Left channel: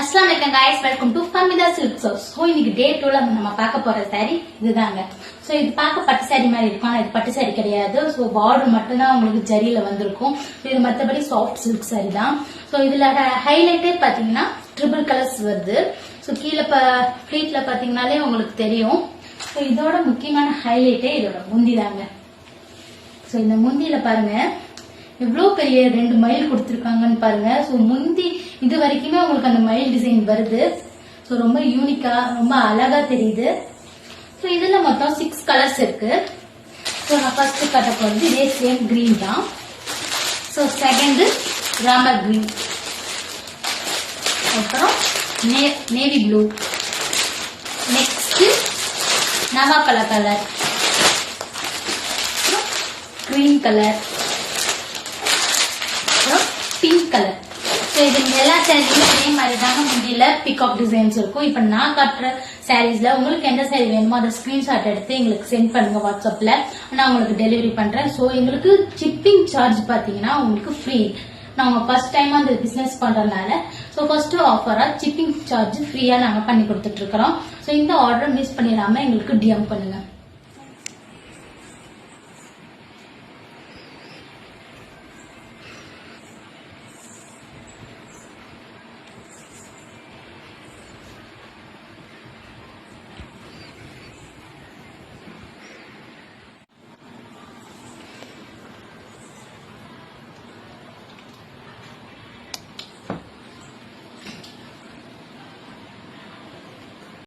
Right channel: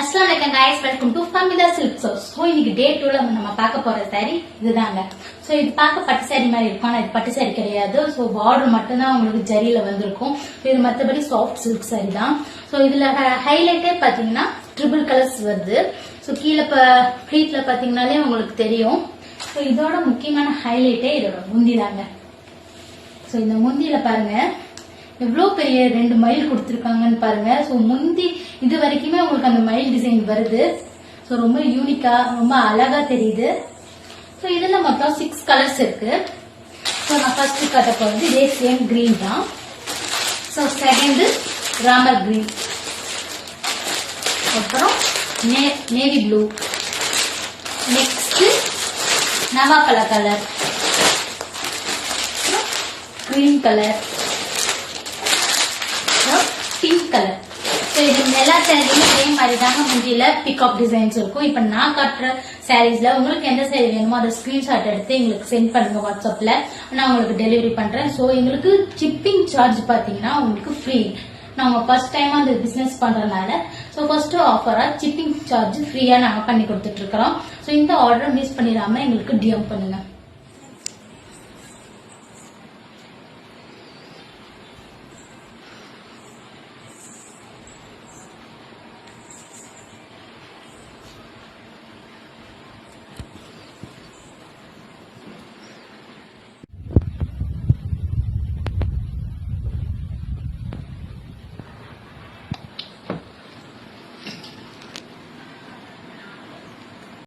अस्सलाम वालेकुम guys, welcome to Fahmida silk house. So இன்னைக்கு டே 2ல நம்ம பார்க்க போற saree இதுதாங்க. சோ இது பார்க்க பட்டு saree மாதிரி இருக்கும். இது பட்டு saree கிடையாது. சோ பார்டர் மட்டும் தான் உங்களுக்கு ஜரியில வந்திருக்கும். இது மத்தபடி சாஃப்ட் சில்க் saree தான். சோ இதுல ஹைலைட்டே பாத்தீங்கன்னா ட்ரிபிள் கலர்ஸ் வருது. சோ கீழ ஃப்ளீட்ல பாத்தீங்கனாலே உங்களுக்கு தெரியும். சோ இதோட முக்கியமான ஹைலைட்டே இதோட முந்தி தாங்க. சோ இந்த முந்தியில பாருங்க எவ்வளவு பெரிய 2 மயில் கொடுத்திருக்காங்கன்னு பாருங்க. சோ முந்தி இது வரைக்குமே உங்களுக்கு அந்த மயில் டிசைன் வருது. சோ ரொம்ப யூனிக்கா ரொம்ப அழகா தெரியுது. சோ இதுல மொத்தம் 6 கலர்ஸ் இருக்கு. சோ நான் ஃபர்ஸ்ட் காட்ட போறது இதே சேம் கிரீன் தான். சோ செகண்ட் ராமர் கிரீன், அப்புறம் நேவி ப்ளூ, நெக்ஸ்ட் நவாப்பழ colour, green colour, pink colour. இது எல்லா சாரீஸ்லயும் அதே மாதிரி தாங்க முந்தியில பிகாக் டிசைன்ஸ் இருக்கும். இப்ப நான் காட்டுற சாரீஸ்ல உங்களுக்கு எந்த சாரீ வேணுமோ அதை ஸ்கிரீன்ஷாட் எடுத்து எங்களுக்கு சென்ட் பண்ணுங்க வாட்ஸ்அப்ல, நான் உங்களுக்கு டெலிவரி பண்றேன். சோ எங்களுக்கு ஷிப்பிங் சார்ஜ் பாத்தீங்கன்னா உங்களுக்கு ஃப்ரீ. நாங்க ஃபர்ஸ்ட் டைம் அந்த பிசினஸ் பண்றதுனால சோ ஃபர்ஸ்ட் ஆஃபரா ஷிப்பிங் சார்ஜ் ஃப்ரீயா நாங்க பண்ணி கொடுத்துட்டு இருக்கிறோம். சோ இந்த ஆர்டர் மிஸ் பண்ணிடாம எங்களுக்கு டிஎம் பண்ணுங்க.